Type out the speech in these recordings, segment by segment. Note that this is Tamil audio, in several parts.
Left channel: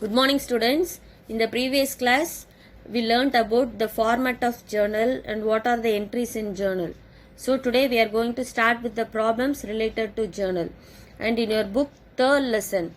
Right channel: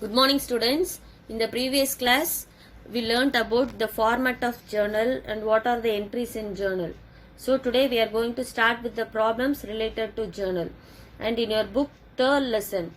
Good morning, students. In the previous class, we learnt about the format of journal and what are the entries in journal. So today we are going to start with the problems related to journal. And in your book, third lesson,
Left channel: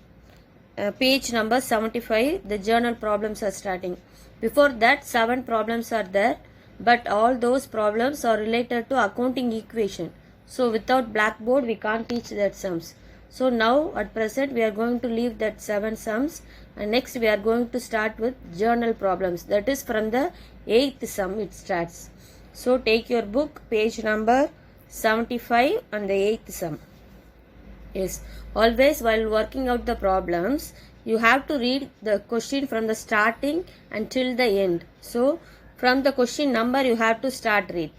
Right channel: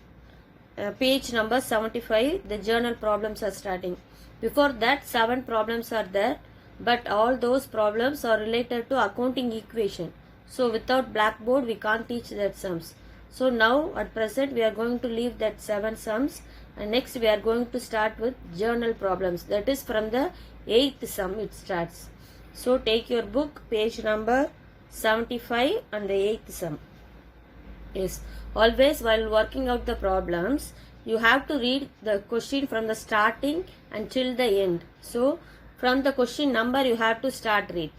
page number 75, the journal problems are starting. Before that, 7 problems are there, but all those problems are related to accounting equation. So without blackboard, we can't teach that sums. So now at present, we are going to leave that 7 sums. And next we are going to start with journal problems. That is from the 8th sum it starts. So take your book, page number 75 and the 8th sum. Yes, always while working out the problems, you have to read the question from the starting until the end. So from the question number you have to start read.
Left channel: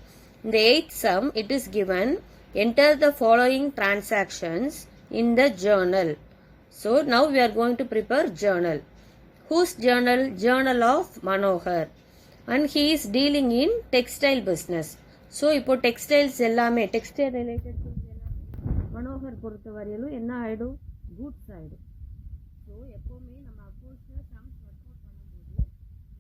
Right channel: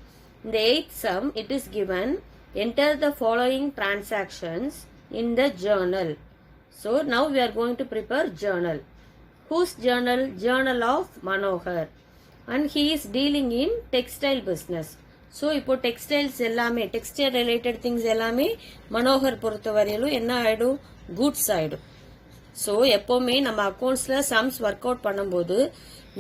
In the 8th sum it is given, enter the following transactions in the journal. So now we are going to prepare journal. Whose journal? Journal of Manohar. And he is dealing in textile business. So இப்போ டெக்ஸ்டைல்ஸ் எல்லாமே டெக்ஸ்டைல் ரிலேட்டட் திங்ஸ் எல்லாமே மனோகர் பொறுத்த வரையிலும் என்ன ஆயிடும்? குட்ஸ் ஆயிடும். ஸோ எப்போவுமே நம்ம அக்கௌண்ட்ஸில் சம்ஸ் ஒர்க் அவுட் பண்ணும்போது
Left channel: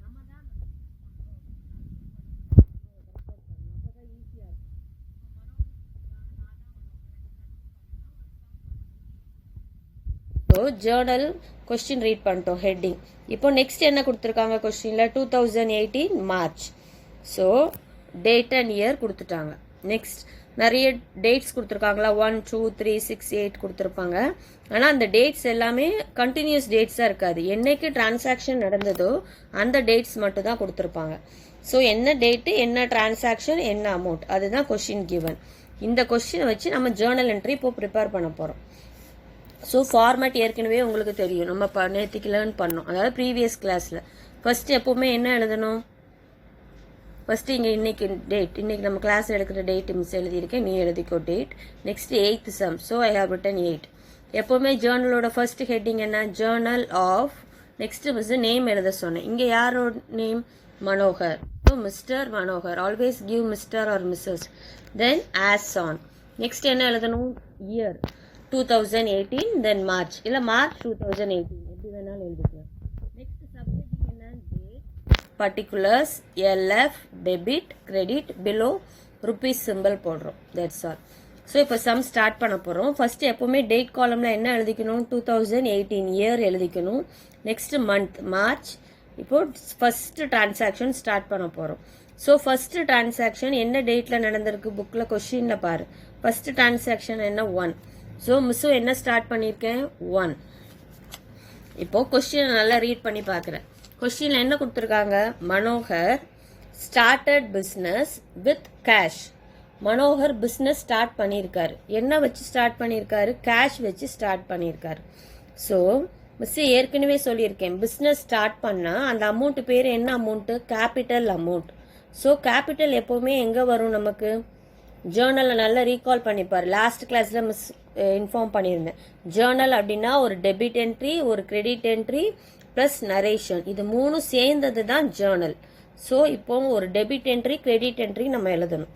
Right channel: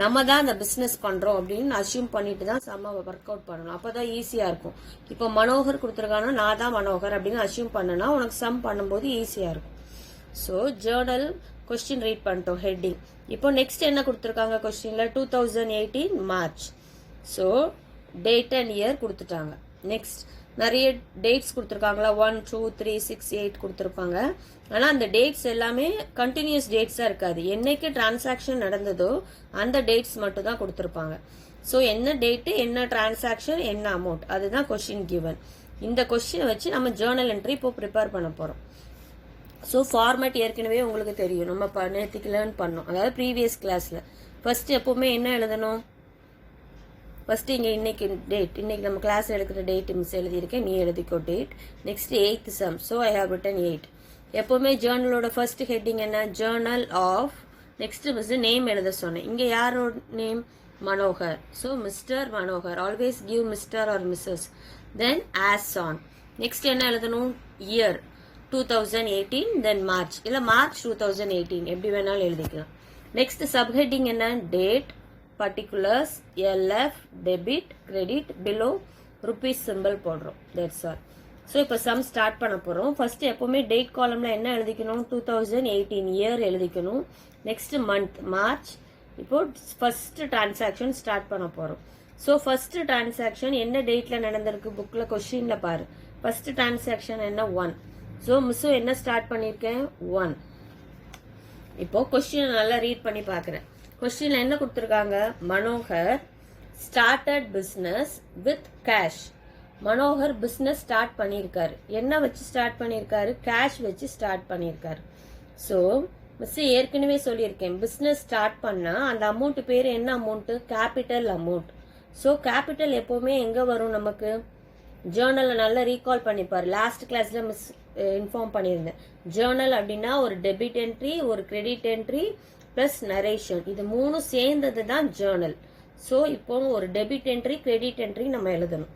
நம்ம தான் அந்த பிஸ்னஸ் பண்ணுறோம் அப்படின்னு அசியூம் பண்ணிட்டு தான் சம்ம ஒர்க் அவுட் பண்ணணும். அப்போ தான் ஈஸியாக இருக்கும். இப்போ மனோகர் கொடுத்துருக்காங்கன்னா நான் தான் மனோகர் அப்படின்னு அசியூம் பண்ணனா உனக்கு சம் பண்ணும்போது ஈஸியாக இருக்கும். ஸோ ஜேர்னல் கொஸ்டின் ரீட் பண்ணிட்டோம் ஹெட்டிங். இப்போ நெக்ஸ்ட் என்ன கொடுத்துருக்காங்க கொஸ்டினில் 2018 March. So date and year கொடுத்துட்டாங்க. நெக்ஸ்ட் நிறைய டேட்ஸ் கொடுத்துருக்காங்களா, 1, 2, 3, 6, 8 கொடுத்துருப்பாங்க. ஆனால் அந்த டேட்ஸ் எல்லாமே கண்டினியூஸ் டேட்ஸாக இருக்காது. என்னைக்கு டிரான்சாக்ஷன் நடந்ததோ அந்த டேட்ஸ் மட்டும் தான் கொடுத்துருப்பாங்க. ஸோ என்ன டேட்டு, என்ன டிரான்சாக்ஷன், என்ன அமௌண்ட், அதுதான் கொஸ்டின் கிவன். இந்த கொஸ்டினை வச்சு நம்ம ஜேர்னல் என்ட்ரி இப்போ ப்ரிப்பேர் பண்ண போகிறோம். ஸோ ஃபார்மேட் ஏற்கனவே உங்களுக்கு தெரியும், நம்ம நேற்றுக்கு லேர்ன் பண்ணோம். அதாவது ப்ரீவியஸ் கிளாஸில் ஃபர்ஸ்ட் எப்போவுமே என்ன எழுதணும்? ஃபர்ஸ்ட் இங்கே இன்னைக்கு டேட், இன்னைக்கு நம்ம கிளாஸில் எடுக்கிற டேட் மிஸ் எழுதியிருக்கேன், நீ எழுதிக்கோ date. Next 8th sum. So I have written 8. எப்போவுமே ஜேர்னலோட ஃபர்ஸ்ட் ஹெட்டிங் என்ன? Journal of. Next miss name எழுத சொன்னேன். இங்கே யாரோட name? Manohar. So mister Manohar. Always give mister or missus. Then as on. Next என்ன எழுதணும்? இயர் 2018, தென் மார்ச், இல்லை மார்ச் 2018 எப்படி வேணாலும் எழுதிக்கலாம். நெக்ஸ்ட் சப்ஹெட்டிங் என்ன? Date, particulars, LF, debit, credit, below rupees symbol போடுறோம். That's all. ஸோ இப்போ சம் ஸ்டார்ட் பண்ண போகிறோம். ஃபர்ஸ்ட் எப்போவுமே டேட் காலம்ல என்ன எழுதிக்கணும்? 2018 இயர் எழுதிக்கணும். Next month March. இப்போ ஃபர்ஸ்ட் டிரான்சாக்ஷன் ஸ்டார்ட் பண்ண போகிறோம். ஸோ ஃபர்ஸ்ட் டிரான்சாக்ஷன் என்ன டேட்ல நடந்திருக்கு? புக்கில் கொஸ்டின்ல பாரு. ஃபர்ஸ்ட் டிரான்சாக்ஷன் என்ன? 1. ஸோ மிஸ்ஸும் என்ன ஸ்டார்ட் பண்ணியிருக்கேன்? 1. இப்போ கொஸ்டின் நல்லா ரீட் பண்ணி பார்க்குறேன். கொஸ்டின்ல என்ன கொடுத்துருக்காங்க? Manohar started business with cash. Manohar business start பண்ணியிருக்காரு. என்ன வச்சு ஸ்டார்ட் பண்ணியிருக்காரு? கேஷ் வச்சு ஸ்டார்ட் பண்ணியிருக்காரு. ஸோ மிஸ் ஏற்கனவே சொல்லியிருக்கேன், பிஸ்னஸ் ஸ்டார்ட் பண்ணா அந்த அமௌண்ட் பேர் என்ன amount? Capital amount. So capital எப்பவுமே எங்க வரும் நமக்கு? ஜேர்னல்ல நல்லா ரீகால் பண்ணிப்பாரு. லாஸ்ட் கிளாஸ்ல மிஸ் இன்ஃபார்ம் பண்ணியிருந்தேன். ஜேர்னல் அப்படின்னா ஒரு டெபிட் என்ட்ரி, ஒரு கிரெடிட் என்ட்ரி பிளஸ் நரேஷன், இது மூணும் சேர்ந்தது தான் ஜேர்னல். ஸோ இப்போ ஒரு டெபிட் என்ட்ரி, கிரெடிட் என்ட்ரி நம்ம எழுதணும்.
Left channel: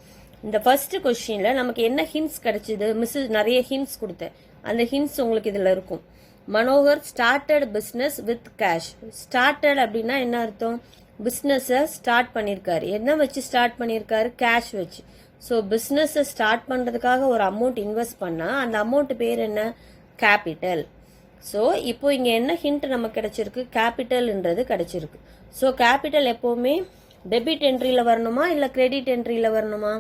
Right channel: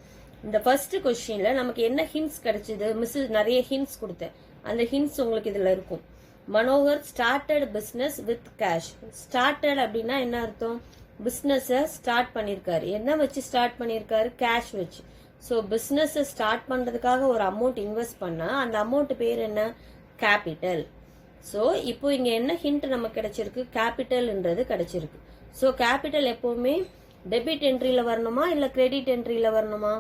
இந்த ஃபர்ஸ்ட் கொஸ்டின்ல நமக்கு என்ன ஹிண்ட்ஸ் கிடைச்சது? மிஸ் நிறைய ஹிண்ட்ஸ் கொடுத்தேன். அந்த ஹிண்ட்ஸ் உங்களுக்கு இதுல இருக்கும். Manohar started business with cash. Started அப்படின்னா என்ன அர்த்தம்? பிஸ்னஸை ஸ்டார்ட் பண்ணியிருக்காரு. என்ன வச்சு ஸ்டார்ட் பண்ணியிருக்காரு? கேஷ் வச்சு. ஸோ பிஸ்னஸை ஸ்டார்ட் பண்ணுறதுக்காக ஒரு அமௌண்ட் இன்வெஸ்ட் பண்ணால் அந்த அமௌண்ட் பேர் என்ன? கேபிட்டல். ஸோ இப்போ இங்கே என்ன ஹிண்ட் நமக்கு கிடைச்சிருக்கு? கேபிட்டல்ன்றது கிடைச்சிருக்கு. ஸோ கேபிட்டல் எப்போவுமே டெபிட் என்ட்ரியில் வரணுமா இல்லை கிரெடிட் என்ட்ரியில் வரணுமா?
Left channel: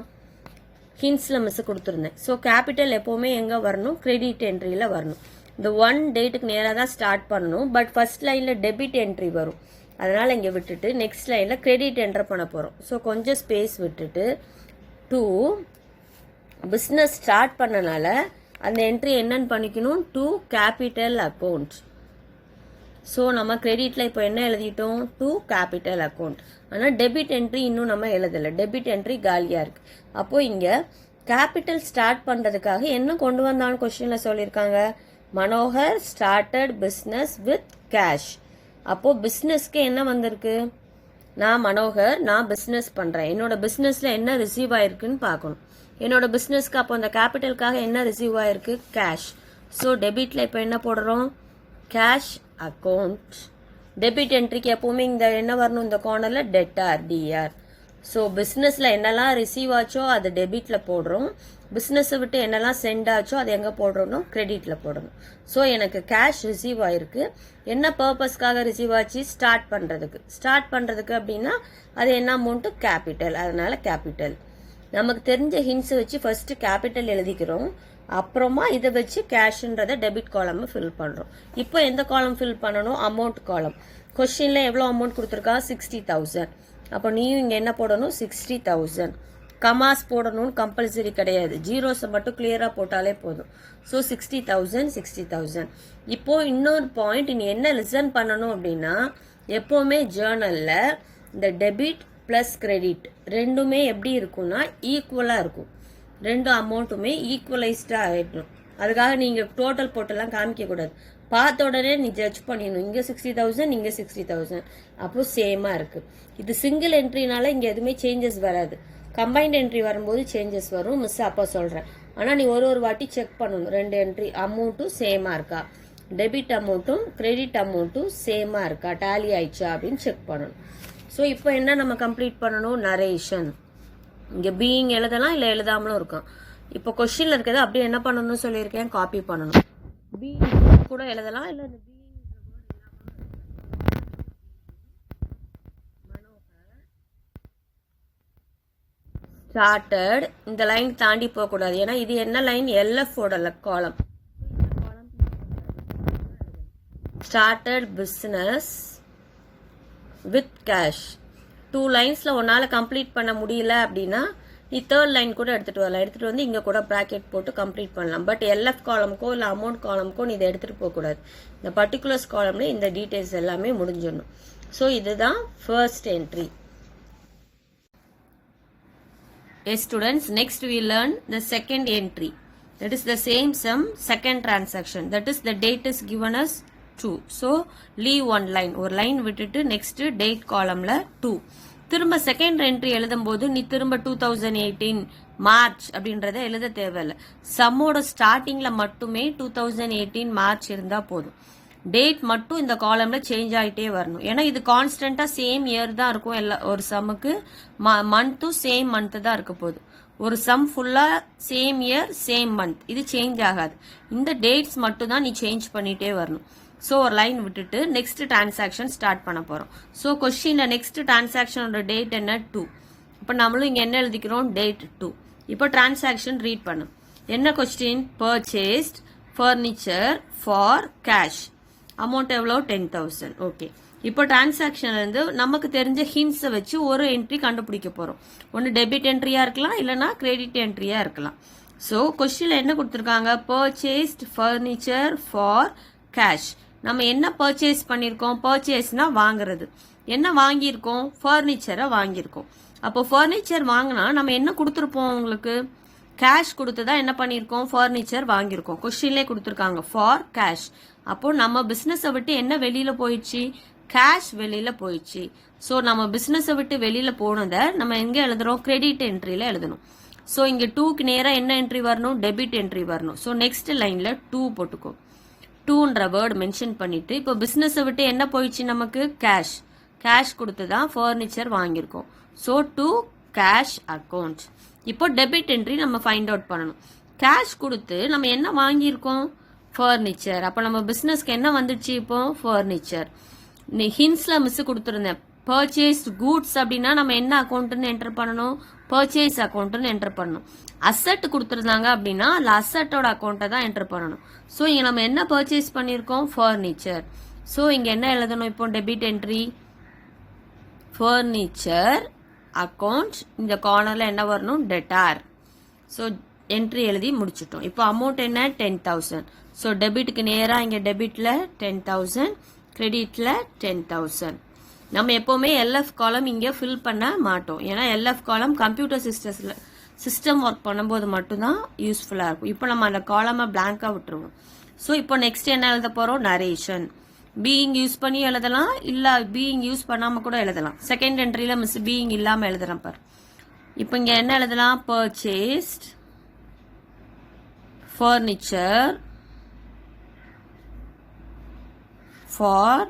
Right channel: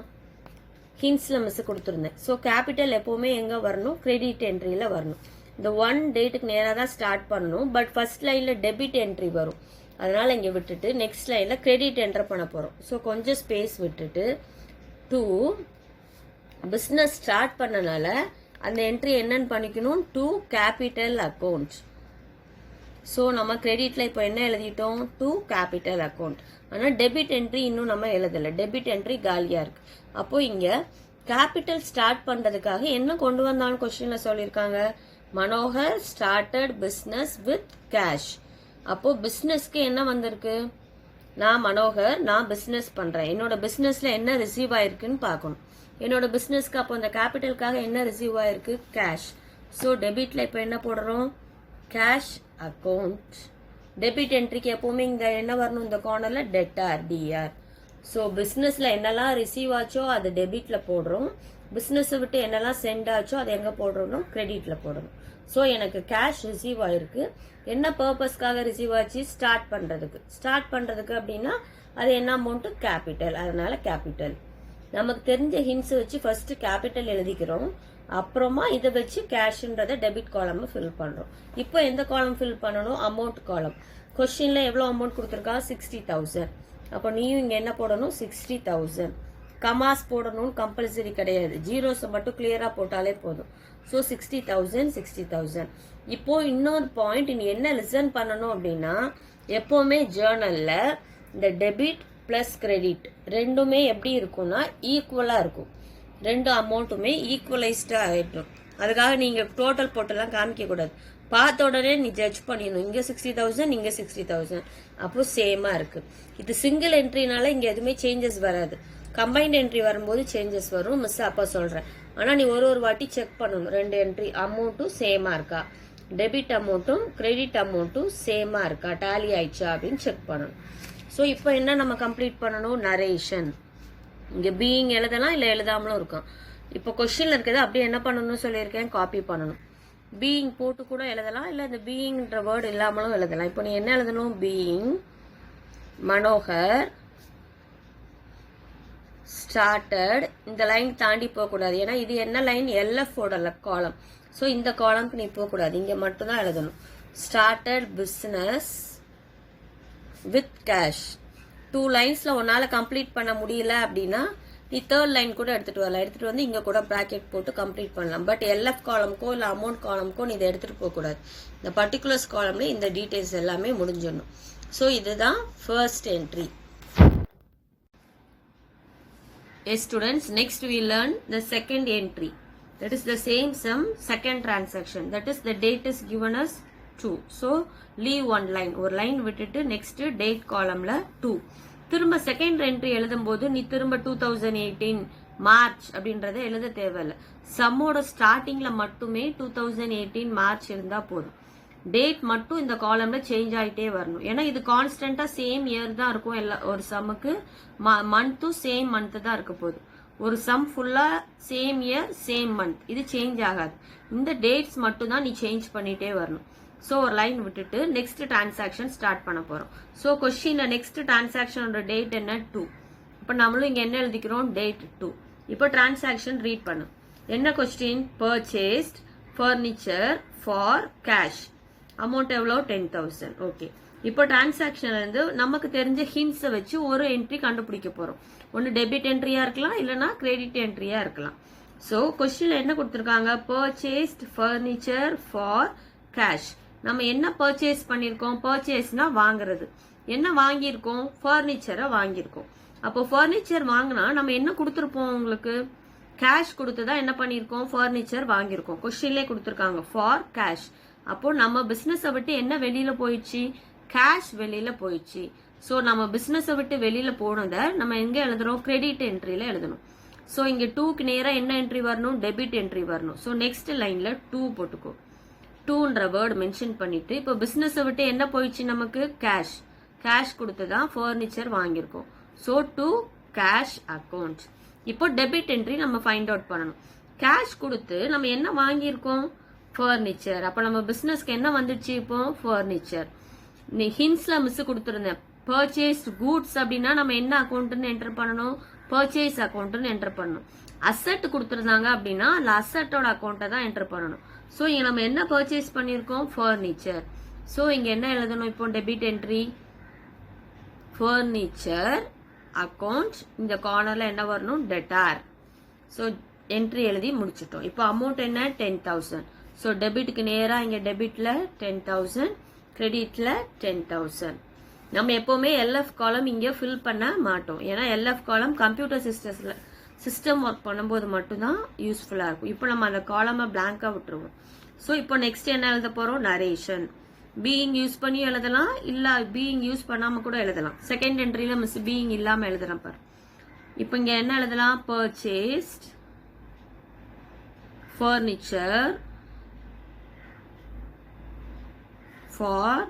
ஹிண்ட்ஸில் மிஸ் கொடுத்துருந்தேன். ஸோ கேபிட்டல் எப்போவுமே எங்கே வரணும்? கிரெடிட் என்ட்ரியில் வரணும். இந்த 1 டேட்டுக்கு நேராக தான் ஸ்டார்ட் பண்ணணும். பட் ஃபர்ஸ்ட் லைனில் டெபிட் என்ட்ரி வரும். அதனால் இங்கே விட்டுட்டு நெக்ஸ்ட் லைனில் கிரெடிட் என்டர் பண்ண போகிறோம். ஸோ கொஞ்சம் ஸ்பேஸ் விட்டுட்டு 2 பிஸ்னஸ் ஸ்டார்ட் பண்ணனால அந்த என்ட்ரி என்னன்னு பண்ணிக்கணும்? 2 கேபிட்டல் அக்கௌண்ட். ஸோ நம்ம கிரெடிட்ல இப்போ என்ன எழுதிட்டோம்? 2 கேபிட்டல் அக்கௌண்ட். ஆனால் டெபிட் என்ட்ரி இன்னும் நம்ம எழுதலை. டெபிட் என்ட்ரி காலியாக இருக்கு. அப்போ இங்க கேபிட்டல் ஸ்டார்ட் பண்றதுக்காக என்ன கொண்டு வந்தாலும் கொஸ்டின்ல சொல்லியிருக்காங்க? Manohar started business with cash. அப்போ பிஸ்னஸ்க்கு என்ன வந்திருக்கு? நான் மனோகர், நான் பிஸ்னஸ் பண்றேன். என்னோட பிஸ்னஸ்ல என்ன ரிசீவ் ஆயிருக்குன்னு பார்க்கணும். என்னோட பிஸ்னஸ்க்கு அப்போ அந்த கேபிட்டலுக்காக என்ன ரிசீவ் ஆயிருக்கு? கேஷ். ஸோ டெபிட்ல இப்போ என்ன போடுறோம்? கேஷ் அக்கௌண்ட் டெபிட் என்ட்ரிக்கு எப்பவுமே இந்த என்ன வரணும் இந்த கார்னர்ல டெட்டார் டிஆர். ஸோ பிஸ்னஸ்ல என்னெல்லாம் ரிசீவ் ஆச்சோ அது டெபிட்ல போடுறோம், பிஸ்னஸ் விட்டு என்னெல்லாம் சென்ட் ஆச்சோ அது எங்க போடுறோம் கிரெடிட்ல போடணும். ஸோ எனக்கு கேஷ் ரிசீவ் ஆயிருக்கு. என்ன பர்பஸ்க்காக ரிசீவ் ஆச்சு? ஸ்டார்ட் பண்றதுக்கு அப்படின்னா அது என்ன அமௌண்ட்? கேபிட்டல். அதனால கேபிட்டல். நமக்கு தெரிஞ்ச ஹிண்ட்ஸ் வச்சு ஃபர்ஸ்ட் கேபிட்டல் எழுதிக்கிறோம், அப்புறமா இதை வச்சு கேஷ்ன்றத டெபிட் காலம் ஃபில் பண்றோம். இப்போ எந்த காலம் ஃபில் பண்ணணும்? அமௌண்ட் காலம். கொஸ்டின்ல எவ்வளவு அமௌண்ட் கொடுத்துருக்கா? 60,000. அப்போ நீயும் இங்க என்ன போடணும்? 60,000. கமாஸ் போடணும்னு கம்பல்சரி கிடையாது, ஜீரோஸ் மட்டும் கிளியரா போட்டாலே போதும். ஸோ 60,000. இப்போ இன்னொரு பாயிண்ட் நீ என்ன லிசன் பண்ணணும் அப்படின்னா, எப்பவுமே ஜேர்னல்ல இந்த டெபிட் பிளஸ் கிரெடிட் ரெண்டுமே எப்படி இருக்கும்னா ஈக்குவலா இருக்கும். ரெண்டு அமௌண்ட்டுமே ஈக்குவலைஸ்டா ஆகிடும். அதுக்காக நீங்க டோட்டல் போட்டெல்லாம் காமிக்க கூடாது. பார்த்த உடனே நீ ஜட்ஜ் பண்ணிடணும், இங்க 60,000 இங்க 60,000 அப்போ சேமா இருக்கு. இது சிங்கிள் என்ட்ரினால இங்க எதுவுமே சேஞ்சஸ் வராது. கம்பைன்ட் என்ட்ரி வரும்போது சேஞ்சஸ் வரும், மிஸ் அப்பா சொல்றேன். ஆனா நீ ஒரு வாட்டி செக் பண்ணணும், ரெண்டு என்ட்ரி அமௌண்ட்டும் சேமா இருக்கா, டெபிட் அமௌண்ட்டும் கிரெடிட் அமௌண்ட்டும் சேமா இருக்கா, டேலி ஆயிடுச்சா அப்படின்னு செக் பண்ணணும். ஸோ இப்போ என்ன நம்ம கம்ப்ளீட் பண்ணணும்? நரேஷன். இங்க பீயிங் எழுதலாம் இல்ல எழுதாமலும் இருக்கும். இப்போ கொஸ்டின்ல இருக்கிறது அப்படியே என்ன பண்ணணும்னு சொல்லியிருக்கேன், காப்பி பண்ணணும். பீயிங் போட்டு கூட எழுதலாம், இல்ல இந்த பீயிங்ன்ற வேர்டு இல்லாமலும் எழுதலாம். இப்போ நீ என்ன எழுதணும்? Being Manohar started. இந்த லைன் தாண்டி போக கூடாது, ஏன்னா இது என்ன லைன்? எல்எஃப் ஓட காலம். ஸோ இந்த காலம்க்கு நீ போக கூடாது, இங்க மட்டும் தான் எழுதணும். Started business with cash. 2 லைன்ஸ்ல உன்னால கம்ப்ளீட் பண்ண முடியல அப்படின்னா நீ தேர்ட் லைன் கூட எடுத்துட்டு வரலாம். எடுத்துட்டு வந்து இங்க கூட பிராக்கெட் போட்டு கம்ப்ளீட் பண்ணலாம். பட் எல்எஃப் காலம்க்கோ இல்ல அமௌண்ட் காலம்க்கோ நீ இதை எடுத்துட்டு போக கூடாது. இந்த பர்டிகுலர்ஸ் காலம்ல இந்த டீடைல்ஸ் எல்லாமே முடிஞ்சிடணும். ஸோ இதுதான் first entry. Yes students, next we learn the second entry. That is the same sum, second transaction. That is the date is given as 2. So leave one line. ஒரு லைன் விட்டுட்டு next date columnல 2. திரும்ப செகண்ட் என்ட்ரி எழுதும் போது நீ திரும்ப 2018 மார்ச் அப்படின்றத எழுத தேவையில்லை. சம்மோட ஸ்டார்டிங்ல மட்டுமே 2018 மார்ச் இருந்தா போதும். டேட் மட்டும் இந்த காலம்ல சேஞ்ச் ஆயிட்டே வரணும். ஏன்னா இது கான்ஸ்டன்டா சேம் இயர் தான் இருக்கும். ஒரு சம்முக்கு மந்த்தும் சேம் மந்த் தான் இருக்க போகுது. ஒரு சம் ஃபுல்லா சேம் இயர் சேம் மந்த், இது சேஞ்ச் ஆகாது. இந்த டேட்ஸ் மட்டும் தான் நீ சேஞ்ச் பண்ணிட்டே வரணும். ஸோ ஒரு லைன் விட்டுட்டு நெக்ஸ்ட் டிரான்சாக்ஷன் ஸ்டார்ட் பண்ண போறோம். ஸோ கொஸ்டின்ல நெக்ஸ்ட் டிரான்சாக்ஷனோட டேட் என்ன? 2. இப்போ நம்மளும் இங்க என்ன எழுதிக்கிறோம்? டேட் 2. இப்போ டிரான்சாக்ஷன் ரீட் பண்ணு. என்ன question? Purchased furniture for cash. Amount எவ்வளோ? 10,000. ஓகே. இப்போ டிரான்சாக்ஷன்ல இருந்து நமக்கு தெரிஞ்ச ஹிண்ட்ஸை வச்சு ஒரு என்ட்ரி கண்டுபிடிக்க போறோம். ஒன்னு டெபிட் என்ட்ரியா இருக்கலாம், இல்லைன்னா கிரெடிட் என்ட்ரியா இருக்கலாம். ஸோ கொஸ்டின்ல என்ன கொடுத்துருக்காங்க? Purchased furniture for cash. நம்ம என்ன பர்ச்சேஸ் பண்ணிருக்கோம்? பர்ச்சேஸ்னா வாங்குறது. என்ன வாங்கியிருக்கோம்? ஃபர்னிச்சரை வாங்கியிருக்கோம். அப்போ ஃபர்னிச்சர் வாங்கினா நம்ம என்ன கொடுத்துருப்போம்? உங்களுக்கு கேஷ் கொடுத்துதான் என்ன பண்ணிருக்கோம்? ஃபர்னிச்சர் வாங்கியிருக்கோம். கொஸ்டின்லேயே கொடுத்துருக்காங்க ஃபார் கேஷ். அப்போ நம்ம பிசினஸை விட்டு என்ன வெளியில போயிடுச்சு? கேஷ் வெளியில போயிடுச்சு. ஸோ நம்ம பிசினஸை விட்டு வெளியில போனதை நம்ம எங்க எழுதுறோம்? கிரெடிட் என்ட்ரியில எழுதணும். ஸோ இங்க 2க்கு நேரம் என்ன என்ட்ரி வரணும்? டெபிட் என்ட்ரி வரணும். ஸோ நெக்ஸ்ட் லைன்ல 2 போட்டுக்கோ. 2ன்ற வேர்டு மென்ஷன் பண்ணிட்டு இப்போ பிசினஸை விட்டு என்ன போயிடுச்சு நமக்கு? கேஷ். கேஷ் கொடுத்து தான் ஃபர்னிச்சர் வாங்கியிருக்கோம். So to cash account. இப்போ டெபிட் என்ட்ரி நம்ம ஃபைண்ட் அவுட் பண்ணணும். கேஷ் கொடுத்து நம்ம என்ன வாங்கியிருக்கோம்? ஃபர்னிச்சர். அப்போ நம்ம பிசினஸ்க்கு என்ன வந்துடுச்சு? இப்போ ஃபர்னிச்சர். நீ ஹிண்ட்ஸ்ல மிஸ் கொடுத்துருந்தேன். பர்ச்சேஸ்ட் கூட்ஸ் அப்படின்னா நம்ம என்ன அக்கௌண்ட்னு என்டர் பண்ணணும்? பர்ச்சேஸ் அக்கௌண்ட்னு என்டர் பண்ணணும். அசெட் கொடுத்துருந்தாங்க அப்படின்னா அந்த அசெட்டோட அக்கௌண்ட்டை தான் என்டர் பண்ணணும். ஸோ இங்க நம்ம என்ன பர்ச்சேஸ் பண்ணியிருக்கோம்? ஃபர்னிச்சர். ஸோ இங்க என்ன எழுதணும்? இப்போ டெபிட் என்ட்ரி ஃபர்னிச்சர் அக்கௌண்ட். இந்த கார்னர்ல என்ன வரணும்? டெட்டார். ஸோ என்ட்ரி எழுதி முடிச்சிட்டோம். இப்போ அமௌண்ட் என்ன? 10,000. ஸோ டெபிட்க்கு நேரா இங்க டெபிட்ல 10,000, கிரெடிட்ல 10,000. நம்ம எப்பவுமே எல்எஃப் காலம் இங்க ஃபில் பண்ண மாட்டோம். ஏன்னா எல்எஃப் காலம் கம்ப்யூட்டர் சிஸ்டம் ஒர்க் பண்ணும்போது மட்டும்தான் யூஸ்ஃபுல்லா இருக்கும். இப்போ நம்ம அந்த காலமை பிளாங்கா விட்டுருவோம். ஸோ இப்போ நெக்ஸ்ட் என்ன எழுத போறோம்? நரேஷன். பீயிங் யூஸ் பண்ணி எழுதலாம், இல்ல பீயிங் யூஸ் பண்ணாம கூட எழுதலாம். செகண்ட் என்ட்ரியில மிஸ் பீயிங் இல்லாம எழுதுறேன் பாரு. இப்போ இங்க என்ன எழுதலாம்? Purchased furniture for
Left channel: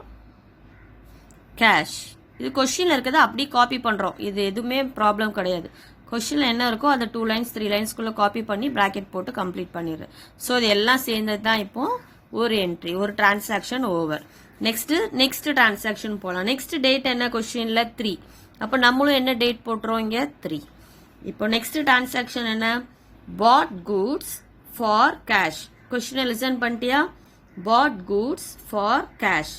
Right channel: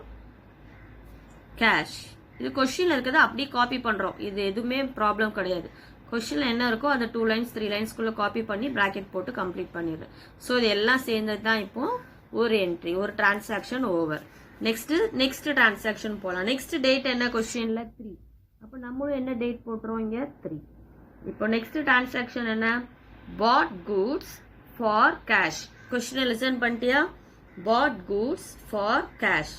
cash. இது கொஸ்டின்ல இருக்கிறத அப்படியே காப்பி பண்றோம். இது எதுவுமே ப்ராப்ளம் கிடையாது. கொஸ்டின்ல என்ன இருக்கோ அதை 2 lines 3 linesக்குள்ள காப்பி பண்ணி பிராக்கெட் போட்டு கம்ப்ளீட் பண்ணிடுறேன். ஸோ இது எல்லாம் சேர்ந்தது தான் இப்போ ஒரு என்ட்ரி, ஒரு டிரான்சாக்ஷன் ஓவர். நெக்ஸ்ட் டிரான்சாக்ஷன் போகலாம். நெக்ஸ்ட் டேட் என்ன கொஸ்டின்ல 3. அப்போ நம்மளும் என்ன டேட் போட்டுறோம் இங்க 3. இப்போ நெக்ஸ்ட் டிரான்சாக்ஷன் என்ன, பாட் கூட்ஸ் ஃபார் கேஷ். கொஸ்டினை லிசன் பண்ணிட்டியா, பாட் கூட்ஸ் ஃபார் கேஷ்.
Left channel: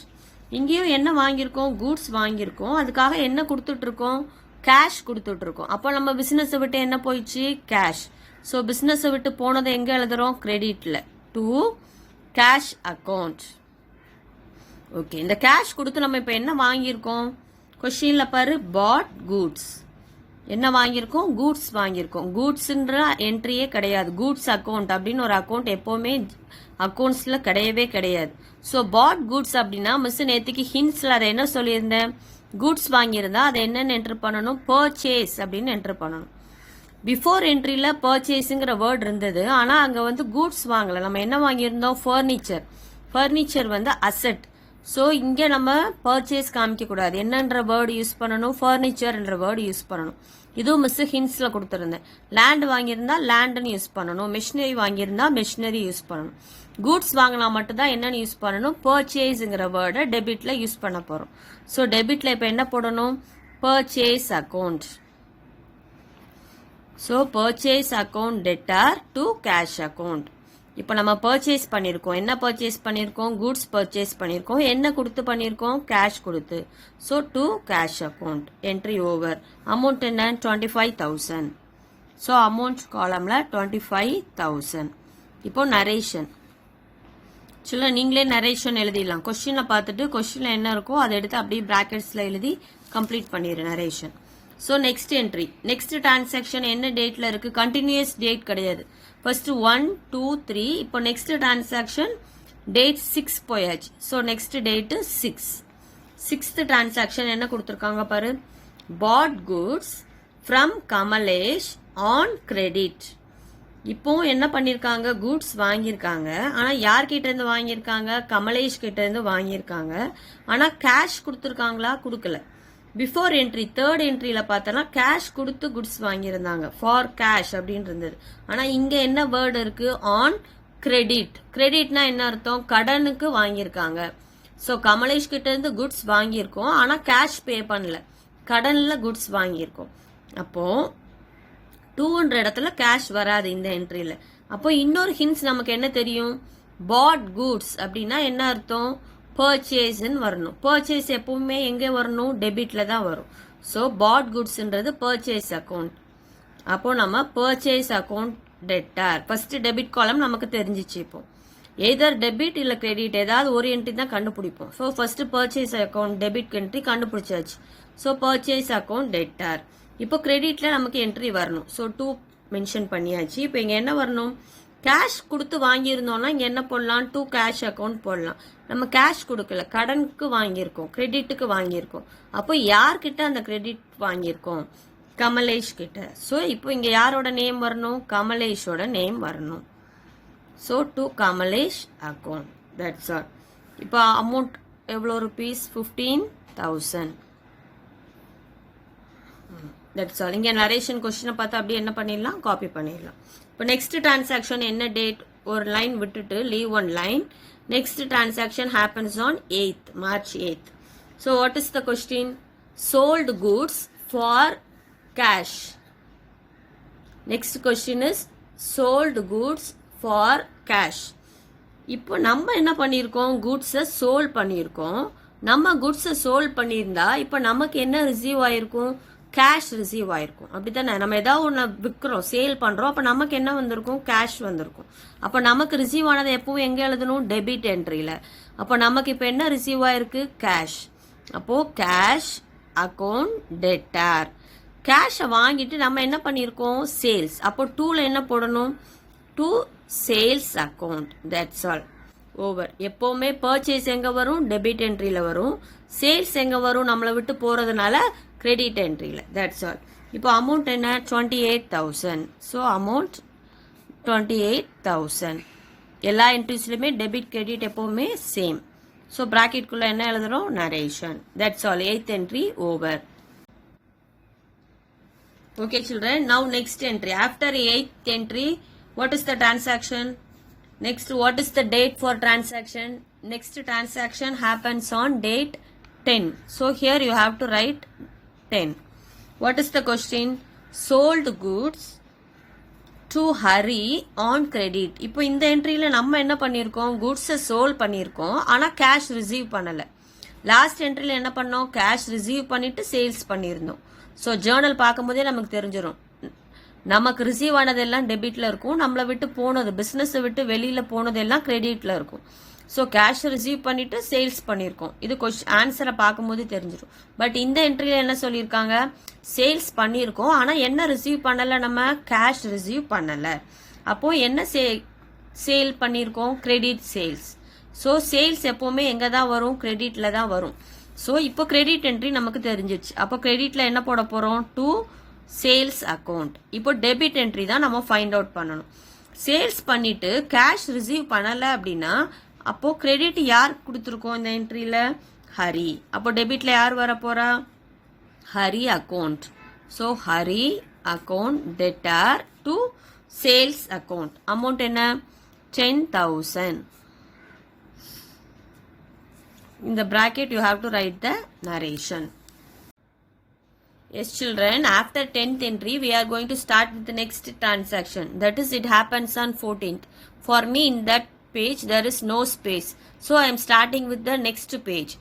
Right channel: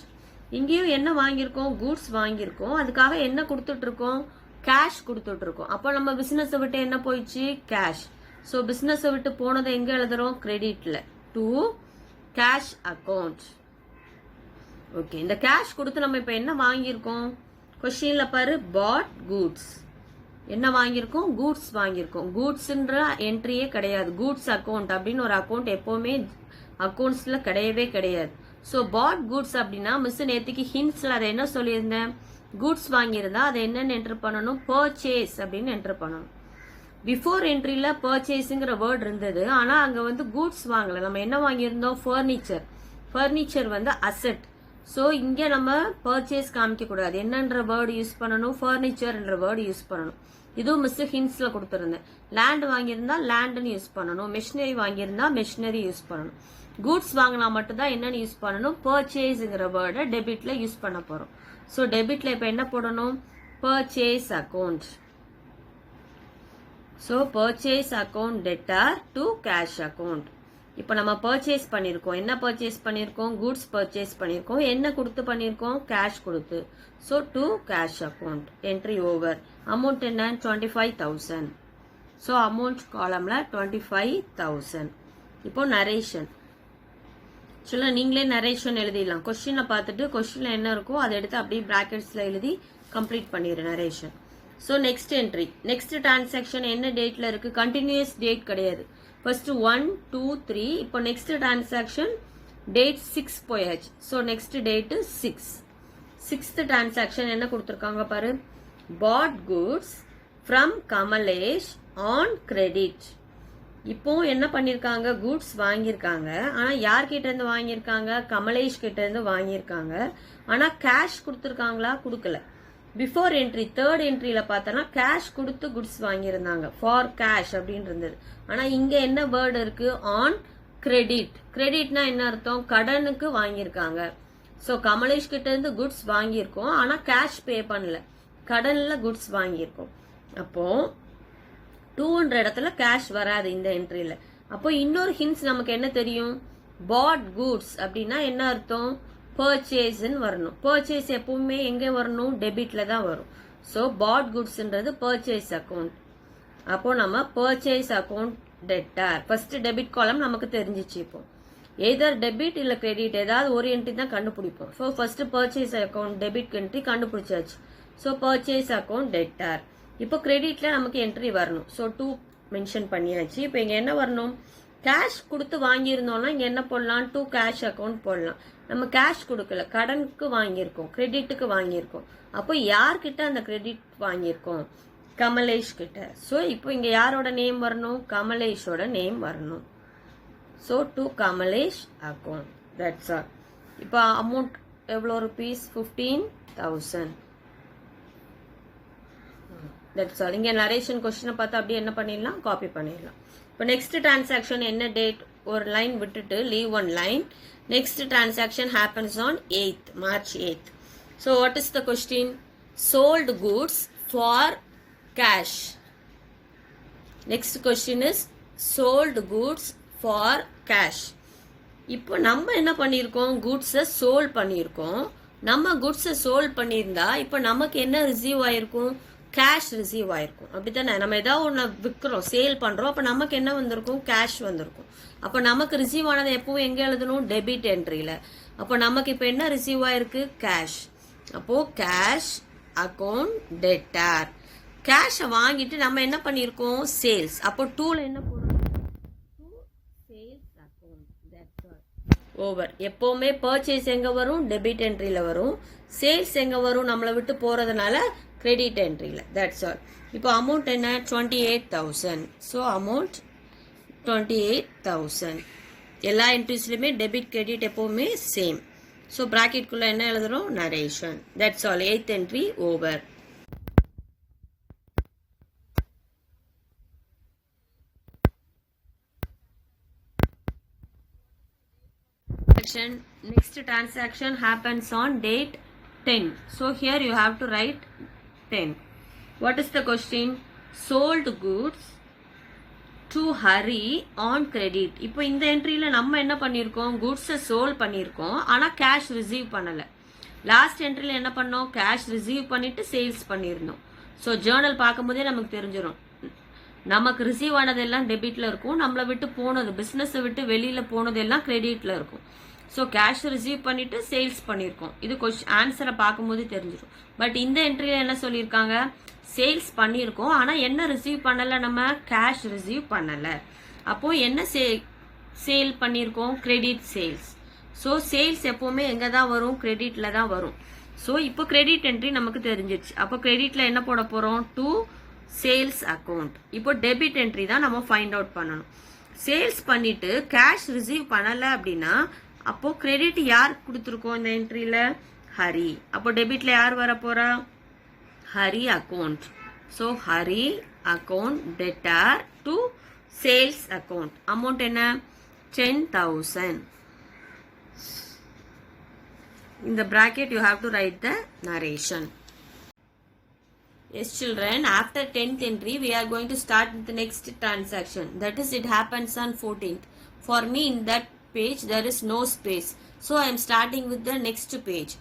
இங்கேயும் என்ன வாங்கியிருக்கோம், கூட்ஸ் வாங்கியிருக்கோம். அதுக்காக என்ன கொடுத்துட்டு இருக்கோம், கேஷ் கொடுத்துட்டு இருக்கோம். அப்போ நம்ம பிசினஸ் விட்டு என்ன போயிடுச்சு, கேஷ். ஸோ பிசினஸ் விட்டு போனதை எங்க எழுதுறோம், கிரெடிட்ல, டு கேஷ் அக்கௌண்ட். ஓகே, இந்த கேஷ் கொடுத்து நம்ம இப்ப என்ன வாங்கியிருக்கோம், கொஸ்டின்ல பாரு, பாட் கூட்ஸ். என்ன வாங்கியிருக்கோம், கூட்ஸ் வாங்கியிருக்கோம். கூட்ஸ்ன்ற என்ட்ரியே கிடையாது. கூட்ஸ் அக்கௌண்ட் அப்படின்னு ஒரு அக்கௌண்ட் எப்பவுமே அக்கௌண்ட்ஸ்ல கிடையவே கிடையாது. ஸோ பாட் கூட்ஸ் அப்படின்னா மிஸ் நேற்றுக்கு ஹிண்ட்ஸ்ல அதை என்ன சொல்லியிருந்தேன், கூட்ஸ் வாங்கியிருந்தா அதை என்னன்னு என்ட்ரு பண்ணணும், பர்ச்சேஸ் அப்படின்னு என்ட்ரு பண்ணணும். பிஃபோர் என்ட்ரியில பர்ச்சேஸுங்கிற வேர்ட் இருந்தது, ஆனா அங்க வந்து கூட்ஸ் வாங்கல. நம்ம என்ன வாங்கியிருந்தோம், ஃபர்னிச்சர். ஃபர்னிச்சர் வந்து அசெட். ஸோ இங்கே நம்ம பர்ச்சேஸ் காமிக்க கூடாது. என்னன்ற வேர்டு யூஸ் பண்ணணும், ஃபர்னிச்சர் என்ற வேர்டு யூஸ் பண்ணணும். இதுவும் மிஸ் ஹிண்ட்ஸ்ல கொடுத்துருந்தேன். லேண்ட் வாங்கியிருந்தா லேண்ட்னு யூஸ் பண்ணணும். மெஷினரி வாங்கியிருந்தா மெஷினரி யூஸ் பண்ணணும். கூட்ஸ் வாங்கினா மட்டும்தான் என்னன்னு யூஸ் பண்ணணும், பர்ச்சேஸ்ங்கிற வேர்டை டெபிட்ல யூஸ் பண்ண போறோம். ஸோ டெபிட்ல இப்போ என்ன போடணும், purchase account. So purchase account debtor to cash account. இப்போ நம்ம பர்ச்சேஸ் பண்ணியிருக்கோம். என்ன பர்ச்சேஸ் பண்ணியிருக்கோம், கூட்ஸ் பர்ச்சேஸ் பண்ணியிருக்கோம். என்ன கொடுத்து பண்ணியிருக்கோம், கேஷ் கொடுத்து. So to cash account, entry over. Amount என்ன, 25,000. ஸோ அமௌண்ட் காலம்ல 25,000. இப்போ நரேஷன். சொல்ல நீங்களே நரேஷன் எழுதிடலாம். கொஸ்டினை பார்த்துட்டு கொஸ்டின்ல என்ன இருக்கோ அதை எடுத்து அப்படியே பிராக்கெட்ஸ்ல எழுதி கம்ப்ளீட் பண்ணிடுறேன் narration. So next entry, next transaction என்ன டேட்ல இருக்கு, கண்டினியூஸ் டேட் கிடையாது. ஃபர்ஸ்ட் 1 2 3. இப்போ நெக்ஸ்ட் டிரான்சாக்ஷன் டேட் 6 போயாச்சு. So next date 6. Sixth transaction என்ன கொடுத்துருக்காங்க பாரு, bought goods from Kamlesh on credit. இப்போ என்ன பண்ணிருக்காங்க, கூட்ஸ் வாங்கியிருக்காங்க. ஆனா யார்கிட்ட இருந்து வாங்கியிருக்காங்க, கமலேஷ் கிட்ட இருந்து வாங்கியிருக்காங்க. ஆனா கேஷ் கொடுத்துருக்காங்களா, கொடுக்கல. பிஃபோர் என்ட்ரி தேர்ட் என்ட்ரியில பார்த்தோம்னா கேஷ் கொடுத்து குட்ஸ் வாங்கியிருந்தாங்க, ஃபார் கேஷ் அப்படின்னு இருந்தது. ஆனா இங்க என்ன வேர்டு இருக்கு, ஆன் கிரெடிட். கிரெடிட்னா என்ன அர்த்தம், கடனுக்கு வாங்கியிருக்காங்க. ஸோ கமலேஷ் கிட்ட இருந்து குட்ஸ் வாங்கியிருக்கோம், ஆனா கேஷ் பே பண்ணல, கடன்ல குட்ஸ் வாங்கியிருக்கோம். அப்போ 200 இடத்துல கேஷ் வராது இந்த என்ட்ரியில. அப்போ இன்னொரு ஹிண்ட்ஸ் நமக்கு என்ன தெரியும், பாட் கூட்ஸ் அப்படின்னா என்ன அர்த்தம், பர்ச்சேஸ்ன்னு வரணும். பர்ச்சேஸ் எப்பவுமே எங்க வரணும், டெபிட்ல தான் வரும். ஸோ பாட் குட்ஸ்ன்றது பர்ச்சேஸ் அக்கௌண்ட். அப்போ நம்ம purchase account debtor. First debit காலம் நமக்கு தெரிஞ்சிச்சு. இப்போ எதர் டெபிட் இல்ல கிரெடிட் ஏதாவது ஒரு என்ட்ரி தான் கண்டுபிடிப்போம். So first purchase account debit entry கண்டுபிடிச்சாச்சு. So purchase account debtor. இப்போ கிரெடிட்ல நமக்கு என்ட்ரி வரணும். ஸோ 2 மென்ஷன் பண்ணியாச்சு. இப்போ இங்க என்ன வரணும், கேஷ் கொடுத்து வாங்கியிருந்தோம்னா இங்க என்ன போடலாம், டு கேஷ் அக்கௌண்ட் போடலாம். நம்ம கேஷ் கொடுக்கல, கடனுக்கு வாங்கியிருக்கோம், கிரெடிட்டுக்கு வாங்கியிருக்கோம். அப்போ யார்கிட்ட அந்த கிரெடிட் வாங்கியிருக்கோம், கமலேஷ் கிட்ட. ஸோ இப்போ இங்க யாரோட நேம் வரணும், கமலேஷோட நேம் வரணும். So to Kamlesh account, that's all. இப்போ அமௌண்ட் எவ்வளோ ருபீஸ், 15,000. That's all. இங்க நரேஷன் கொஸ்டினை பார்த்து அப்படியே என்ன பண்ணிடலாம், காப்பி பண்ணிடலாம். இப்போ நெக்ஸ்ட் டிரான்சாக்ஷன் என்ன டேட், ஒரு லைன் விட்டுட்டு leave one line. Next transaction happens on 8th March 8th. So what is the question, sold goods for cash. Next question is sold goods for cash. இப்போ நம்ம என்ன பண்ணியிருக்கோம், குட்ஸை சோல் பண்ணியிருக்கோம். நம்ம குட்ஸை சோல் பண்ணியிருந்தா இப்போ நமக்கு என்ன ரிசீவ் ஆயிருக்கும், கேஷ் ரிசீவ் ஆயிருக்கும். அப்படித்தானே, நம்ம ஏதாவது ஒன்று விற்கிறோம், சேல் பண்றோம், அப்ப நமக்கு என்ன வந்திருக்கும், கேஷ் வந்திருக்கும். அப்ப நமக்கு ரிசீவ் ஆனது எப்பவும் எங்க எழுதணும், டெபிட் என்ட்ரியில. அப்ப நமக்கு இப்ப என்ன ரிசீவ் ஆயிருக்கு, கேஷ். அப்போ கேஷ் அக்கௌண்ட் டெட்டார். கேஷ வாங்கிட்டு நம்ம என்ன பண்ணிருக்கோம், சேல்ஸ். அப்போ 2ல என்ன போடணும், to sales account. That's all, over. எப்பவுமே பர்ச்சேஸ் எங்க வரும், டெபிட் என்ட்ரியில வரும். சேல்ஸ் எங்க வரும், நம்மளை விட்டு போறதுனால கிரெடிட் என்ட்ரியில. That's all. இப்போ அமௌண்ட் என்ன, 28,000. So amount 28,000. எல்லா என்ட்ரிஸ்லயுமே டெபிட் கிரெடிட் எப்பவுமே சேம். ஸோ ப்ராக்கெட்குள்ளே என்ன எழுதுறோம்? Narration. That's all. 8th entry over. Okay children, now next entry. After 8th entry, what is the transaction? Next, what is the date for transaction? Next transaction happens on date 10. So here you have to write 10. What is the question? Sold goods to Hari on credit. இப்போ இந்த என்ட்ரியில நம்ம என்ன பண்ணியிருக்கோம்? கூட்ஸை சோல்ட் பண்ணியிருக்கோம், ஆனால் கேஷ் ரிசீவ் பண்ணலை. லாஸ்ட் என்ட்ரியில் என்ன பண்ணோம்? கேஷ் ரிசீவ் பண்ணிட்டு சேல்ஸ் பண்ணியிருந்தோம். ஸோ ஜேர்னல் பார்க்கும்போதே நமக்கு தெரிஞ்சிடும், நமக்கு ரிசீவ் ஆனதெல்லாம் டெபிட்ல இருக்கும், நம்மளை விட்டு போனது, பிஸ்னஸை விட்டு வெளியில் போனதெல்லாம் கிரெடிட்ல இருக்கும். ஸோ கேஷ் ரிசீவ் பண்ணிட்டு சேல்ஸ் பண்ணியிருக்கோம். இது ஆன்சரை பார்க்கும்போது தெரிஞ்சிடும். பட் இந்த என்ட்ரியில் என்ன சொல்லியிருக்காங்க? சேல்ஸ் பண்ணியிருக்கோம், ஆனால் என்ன ரிசீவ் பண்ணலை? நம்ம கேஷ் ரிசீவ் பண்ணலை. அப்போ என்ன சேல் பண்ணியிருக்கோம்? Credit sales. ஸோ சேல்ஸ் எப்பவுமே எங்கே தான் வரும்? கிரெடிட்ல தான் வரும். ஸோ இப்போ கிரெடிட் என்ட்ரி நமக்கு தெரிஞ்சிச்சு. அப்போ கிரெடிட்ல என்ன போட போறோம்? To sales account. இப்போ டெபிட் என்ட்ரி தான் நம்ம ஃபைண்ட் அவுட் பண்ணணும். சேல்ஸ் பண்ணிட்டு கேஷ் ரிசீவ் பண்ணல அப்படின்னா அப்போ கிரெடிட் யார் கொடுத்துருக்கோம் இந்த என்ட்ரியில? ஹரி. அப்போ டெபிட்ல யார் வர போறா? Hari account. So Hari account debtor to sales account. Amount என்ன? 10,000. In the bracket you have to write the narration. Yes children, after 10th entry we are going to start with the next transaction. That is, it happens on 14th. For me in that page there is no space, so I am starting with the next page.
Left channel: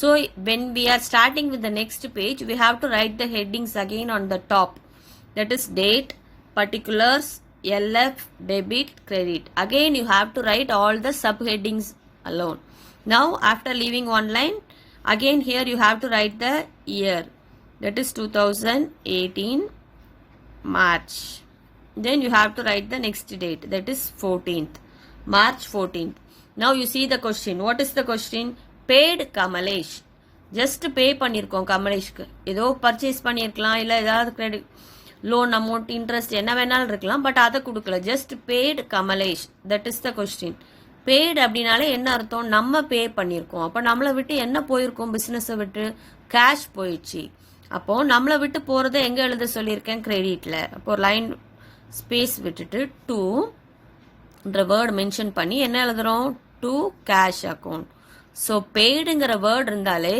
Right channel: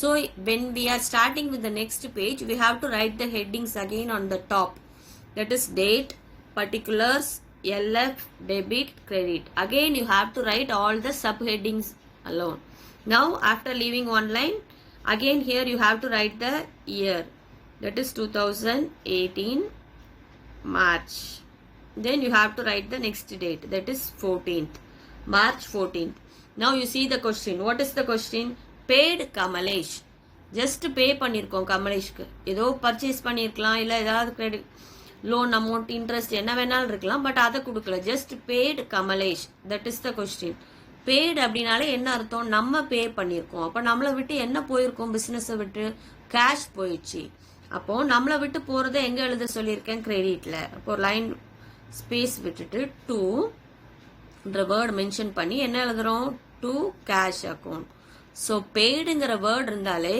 So when we are starting with the next page, we have to write the headings again on the top. That is date, particulars, LF, debit, credit. Again you have to write all the subheadings alone. Now after leaving one line, again here you have to write the year. That is 2018 March. Then you have to write the next date. That is 14th. March 14th. Now you see the question. What is the question? Paid Kamalesh. Just pay பண்ணிருக்கோம் கமலேஷ்க்கு. ஏதோ பர்ச்சேஸ் பண்ணிருக்கலாம், இல்ல ஏதாவது கிரெடிட் லோன் அமௌண்ட் இன்ட்ரெஸ்ட் என்ன வேணாலும் இருக்கலாம், பட் அதை கொடுக்கல. Just paid Kamlesh. That is the question. Paid அப்படின்னாலே என்ன அர்த்தம்? நம்ம பே பண்ணியிருக்கோம். அப்போ நம்மளை விட்டு என்ன போயிருக்கோம்? பிசினஸை விட்டு கேஷ் போயிடுச்சு. அப்போ நம்மளை விட்டு போறதை எங்க எழுத சொல்லியிருக்கேன்? கிரெடிட்ல. அப்போ லைன் ஸ்பேஸ் விட்டுட்டு டு வேர்ட் மென்ஷன் பண்ணி என்ன எழுதுறோம்? To cash account. ஸோ பேடுங்கிற வேர்ட் இருந்தாலே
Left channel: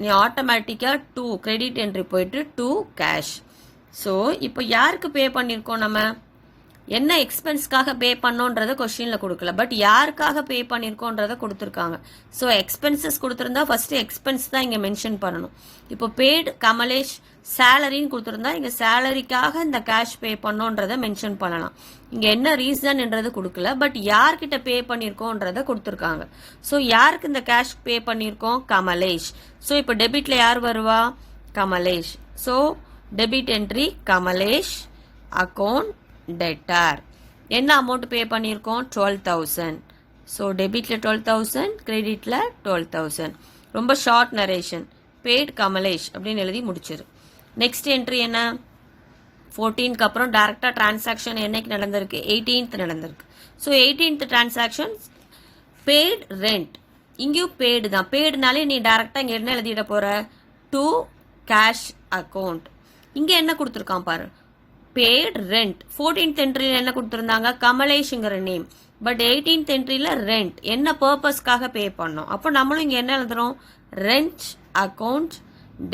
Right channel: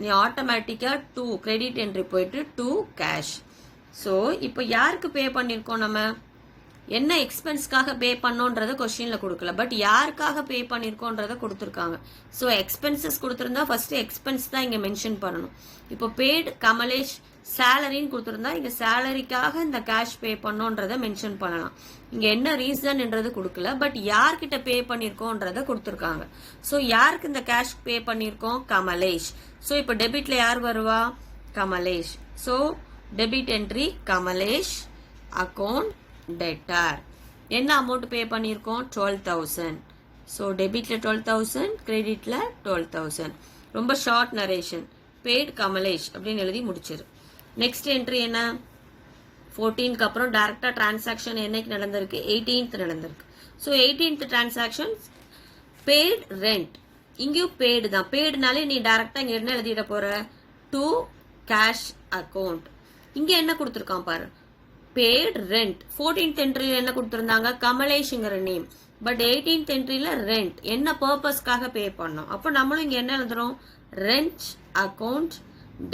நீ ஆட்டோமேட்டிக்கா டு கிரெடிட் என்ட்ரி போயிட்டு டு கேஷ். ஸோ இப்போ யாருக்கு பே பண்ணியிருக்கோம்? நம்ம என்ன எக்ஸ்பென்ஸ்க்காக பே பண்ணோன்றத கொஸ்டின்ல கொடுக்கல, பட் யாருக்காக பே பண்ணிருக்கோன்றத கொடுத்துருக்காங்க. ஸோ எக்ஸ்பென்சஸ் கொடுத்திருந்தா ஃபர்ஸ்ட் எக்ஸ்பென்ஸ் தான் இங்க மென்ஷன் பண்ணணும். இப்போ பேட் கமலேஷ் சேலரின்னு கொடுத்திருந்தா இங்க சேலரிக்காக இந்த கேஷ் பே பண்ணோன்றத மென்ஷன் பண்ணலாம். இங்க என்ன ரீசன்ன்றது கொடுக்கல, பட் யார்கிட்ட பே பண்ணிருக்கோன்றத கொடுத்துருக்காங்க. ஸோ யாருக்கு இந்த கேஷ் பே பண்ணிருக்கோம்? கமலேஷ். ஸோ இப்போ டெபிட்ல யார் வருவா? Kamlesh. So debit entry Kamlesh account debtor. என்ன அமௌண்ட் பே பண்ணியிருக்கோம்? 12,000. ஸோ டெபிட்ல 12,000, கிரெடிட்ல 12,000. ரொம்ப ஷார்ட் நரேஷன். பேட் கமலேஷ் அப்படின்னு எழுதி முடிச்சிரு. நெக்ஸ்ட் என்ட்ரி என்ன? 14க்கு அப்புறம் டைரக்டா டிரான்சாக்ஷன் என்னைக்கு நடந்திருக்கு? 18th நடந்திருக்கு. So 18th transaction paid rent. இங்கேயும் பேடு தான். பேடுனாலே நீ டைரக்டா இங்க என்ன எழுதிட போற? To cash account. இங்க என்ன கொடுத்துருக்கான் பாரு? Bad rent. 14th என்ட்ரியில என்ன கொடுத்திருந்தாங்க? கமலேஷ்ங்கிற நேம். பட் 18th என்ட்ரியில ரெண்ட். என்ன பர்பஸ்க்காக பே பண்ணோம்? அப்போ நம்மளும் இங்க என்ன எழுதுறோம்? Rent account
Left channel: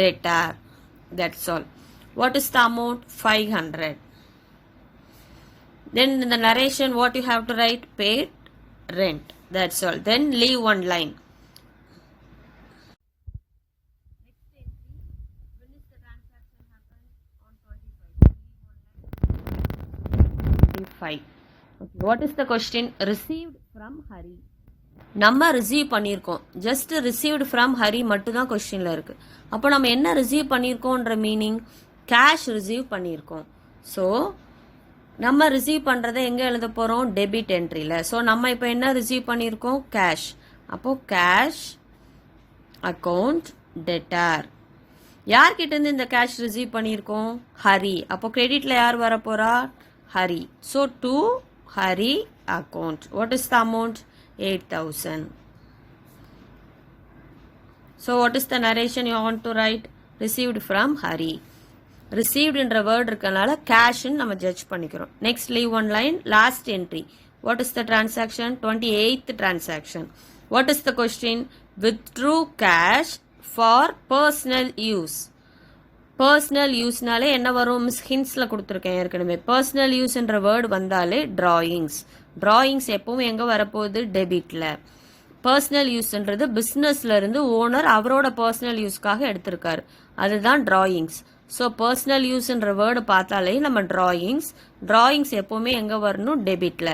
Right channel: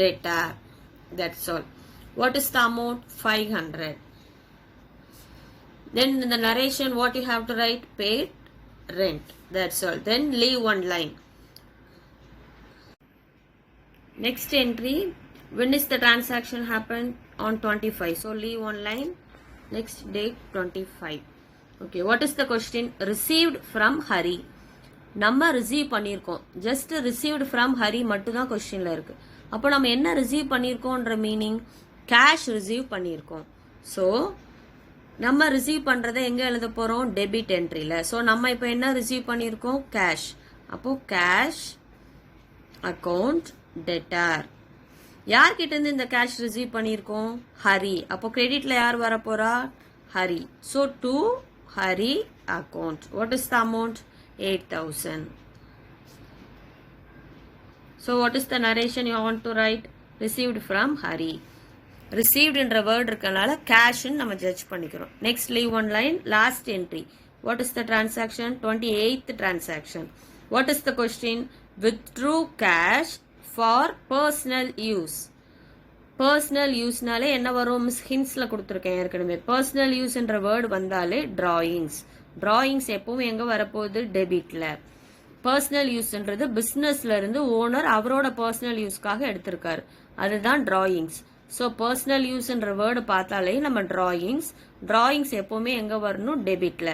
debtor. That's all. What is the amount? 500. Then in the narration what you have to write? Paid rent. That's all. Then leave one line. Next entry. When is the transaction happen? On 25. So leave one line. Next date 25. Okay. What is the question? Received from Hari. நம்ம ரிசீவ் பண்ணியிருக்கோம். ஜஸ்ட் ரிசீவ்டு ஃப்ரம் ஹரி மட்டும் தான் கொஸ்டின்ல இருக்கு. அப்போ நம்ம என்ன ரிசீவ் பண்ணியிருக்கோன்ற மீனிங்? கேஷ் ரிசீவ் பண்ணியிருக்கோம். ஸோ நம்ம ரிசீவ் பண்றதை எங்க எழுத போறோம்? டெபிட் என்ட்ரியில. ஸோ நம்ம இப்போ என்ன ரிசீவ் பண்ணியிருக்கோம்? கேஷ். அப்போ கேஷ் அக்கௌண்ட் டெட்டார். யார்கிட்ட இருந்து இந்த கேஷ் ரிசீவ் பண்ணியிருக்கோம்? ஹரி. அப்போ கிரெடிட்ல யார் வர போறா? Hari. So to Hari account. What is the amount? 8,000. So what is the narration you want to write? Received from Hari. Received என்ற word இருக்கனால cash நம்ம judge பண்ணிக்கிறோம். Next leave one line, last entry. What is the transaction? 28th transaction. What is the question? Withdrew cash for personal use. Personal useனாலே என்ன வரும்? மிஸ் ஹின்ஸ்ல கொடுத்துருக்கேன் ஏற்கனவே. Personal use என்ற word வந்தாலே drawings. Drawings எப்பவும் எங்க வரப்போகுது? டெபிட்ல. பர்சனல் யூஸ்ன்றது பிஸ்னஸ்ல இருந்து ஓனர் அவரோட பர்சனல் யூஸ்க்காக எடுத்திருக்காரு, அதுதான் டிராயிங்ஸ். ஸோ பர்சனல் யூஸ்ன்ற வேர்டு பார்த்தாலே நம்ம டிராயிங்ஸ் எப்பவுமே எங்க வரணும்? டெபிட்ல.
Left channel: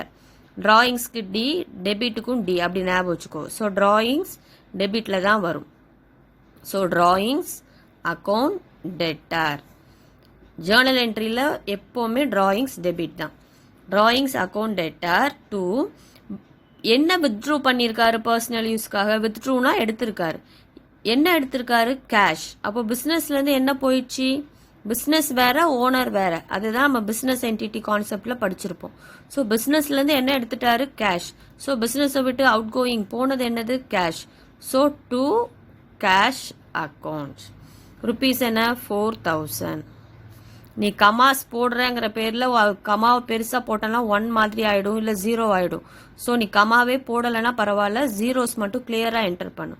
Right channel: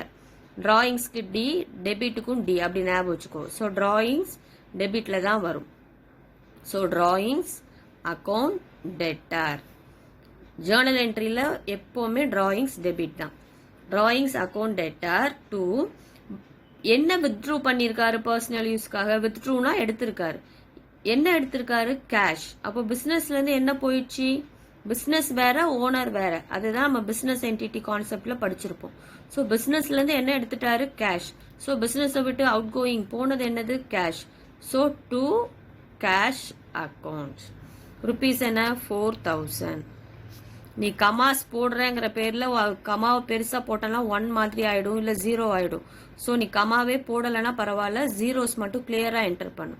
டிராயிங்ஸ்க்கு டி, டெபிட்டுக்கும் டி, அப்படி ஞாபகம் வச்சுக்கோ. ஸோ டிராயிங்ஸ் டெபிட்ல தான் வரும். So drawings account debtor. Journal என்ட்ரியில் எப்போவுமே டிராயிங்ஸ் டெபிட் தான். டிராயிங்ஸ் அக்கௌண்ட் டெட்டார் டு என்ன வித்ட்ரூ பண்ணியிருக்காரு? பர்சனல் யூஸ்க்காக. வித்ட்ரூனா எடுத்திருக்காரு. என்ன எடுத்திருக்காரு? கேஷ். அப்போ பிஸ்னஸ்லேருந்து என்ன போயிடுச்சு? பிஸ்னஸ் வேற, ஓனர் வேற. அதுதான் நம்ம பிஸ்னஸ் என்டிட்டி கான்செப்ட்ல படிச்சிருப்போம். ஸோ பிஸ்னஸ்லேருந்து என்ன எடுத்துட்டாரு? கேஷ். ஸோ பிஸ்னஸை விட்டு அவுட் கோயிங் போனது என்னது? Cash. So to cash account. Rupees என்ன? 4000. நீ கமாஸ் போடுறேங்கிற பேர்ல கமாவை பெருசா போட்டனா 1 மாதிரி ஆயிடும், இல்ல 0 ஆயிடும். ஸோ நீ கமாவே போடலைன்னா பரவாயில்ல, ஜீரோஸ் மட்டும் கிளியரா என்டர் பண்ணு.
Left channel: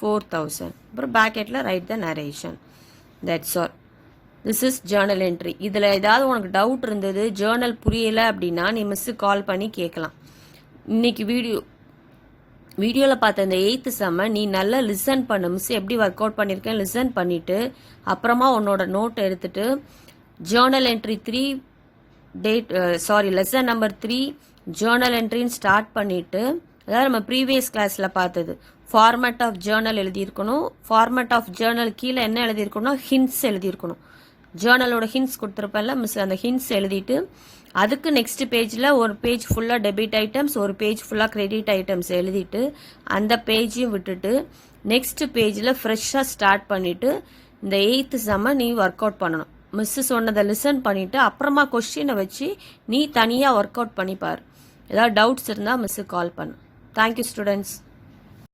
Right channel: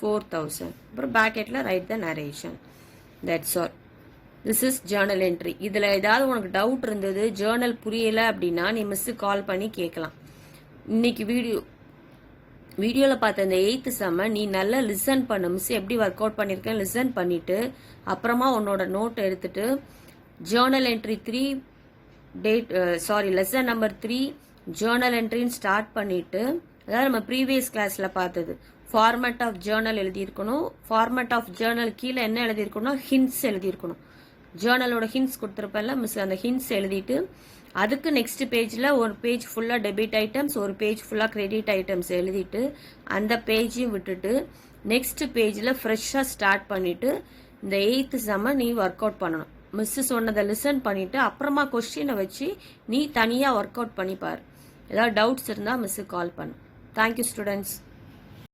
4000. அப்புறம் பேக்கெட்ல write the narration. That's all. This is journal entry. இதுல ஏதாவது உனக்கு டவுட் இருந்தது, ஜேர்னல் புரியல அப்படின்னா நீ மிஸ் கால் பண்ணி கேட்கலாம். இன்னைக்கு வீடியோல பார்த்த இந்த 8th செம்ம நீ நல்லா லிசன் பண்ணு. மிஸ் எப்படி ஒர்க் அவுட் பண்ணிருக்கேன் லிசன் பண்ணிட்டு அப்புறமா உன்னோட நோட் எடுத்துட்டு journal entry 3 lesson number 3 journal என்ட்ரின்னு ஸ்டார்ட் பண்ணிட்டு, அதாவது நம்ம ப்ரீவியஸ் கிளாஸ்ல பார்த்தது ஃபார்மேட் ஆஃப் ஜேர்னல் எழுதியிருக்கணும். ஃபார்மேட் ஆஃப் ஜேர்னல் கீழே என்ன எழுதியிருக்கணும்? ஹின்ஸ் எழுதியிருக்கணும். ஜேர்னலோட ஹின்ஸ் கொடுத்துருப்பேன்ல மிஸ், அந்த ஹின்ஸ் எழுதிட்டு அதுக்கு நெக்ஸ்ட் பேஜ்ல ஒரு பேஜ் ஃபுல்லா டெபிட் ஐட்டம்ஸ், ஒரு பேஜ் ஃபுல்லா கிரெடிட் ஐட்டம்ஸ் எழுதிட்டு அந்த பேஜையும் விட்டுட்டு நெக்ஸ்ட் பேஜ்ல ஃப்ரெஷ்ஷா ஸ்டார்ட் பண்ணிட்டு இந்த 8th செம்ம நீ ஒர்க் அவுட் பண்ணணும். மிஸ் சொன்னதை லிசன் பண்ணிட்டு அப்புறமா கொஸ்டினை வச்சு நீ தனியா ஒர்க் அவுட் பண்ணிப்பாரு. ஏதாவது டவுட்ஸ் இருந்தா மிஸ் கால் பண்ணு. Thank you students.